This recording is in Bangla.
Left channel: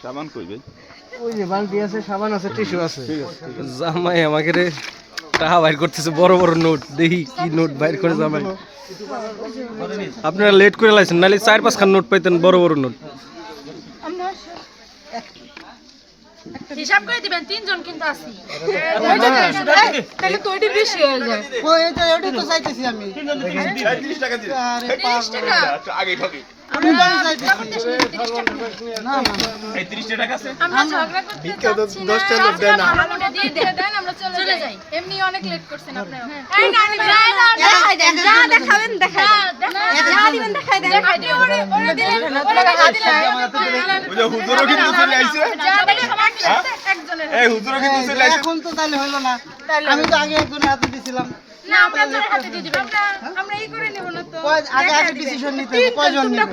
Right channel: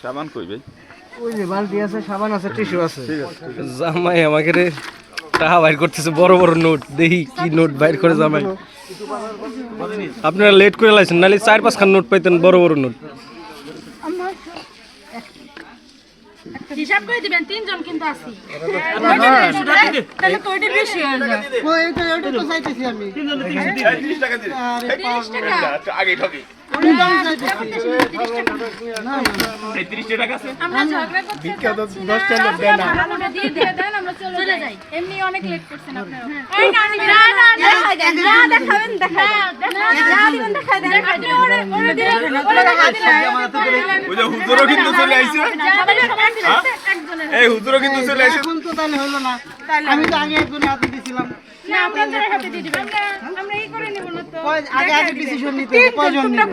সাবান কই ভাই? ওই যে বালতি আছে, সাবান আছে, টিস্যু আছে। জামাই আমাকে রে টাকা বাইর করতেছে, বড় বড় নোট। দেখি কি নোট বাইর করে জামাই। আপনারা লেট করে লাইছেন, নাহলে 4-5 খান নোট পাইতেন, বড় বড় নোট। হিসাব করে দিবেন, তিনজন কিন্তু আছি। তাহলে তো ওইটা বেশি হয়ে যায়। ওই তো এটা তো চাইতেছি আমি। 30 টাকা দিন। আরে 30 টাকা। আগে ঠকি। আমি তো চাইতেছি। 30 টাকা। না না এই 30 টাকা আছে? আমরা ঝগড়া করতে চাচ্ছি না। 10 টাকা দেন না। আমরা দিয়ে দেন, আমরা চলে যাই। এমনি অনেক লেট করছেন আপনারা। এই না না দেখাই দেন, যা দেখাবেন দেখাই দেন। যা দিবেন দেখাই দেন। দেখাই দিন। ওরে দিলেন, ওরে দেখাই দিলেন। ওই যে হুজুরও কিন্তু চলে আইছে। একজনের এই হুজুরও কিন্তু চলে আইছে। এখন তো তাহলে হলো না। আমি তো আগে একজন হাতে দিছিলাম। না আপনাদের হাতে দিয়ে দিবেন। আমরা এই করে নেব না তো। আগে ডিসিশন নিতে হবে, কয়জন নিবে।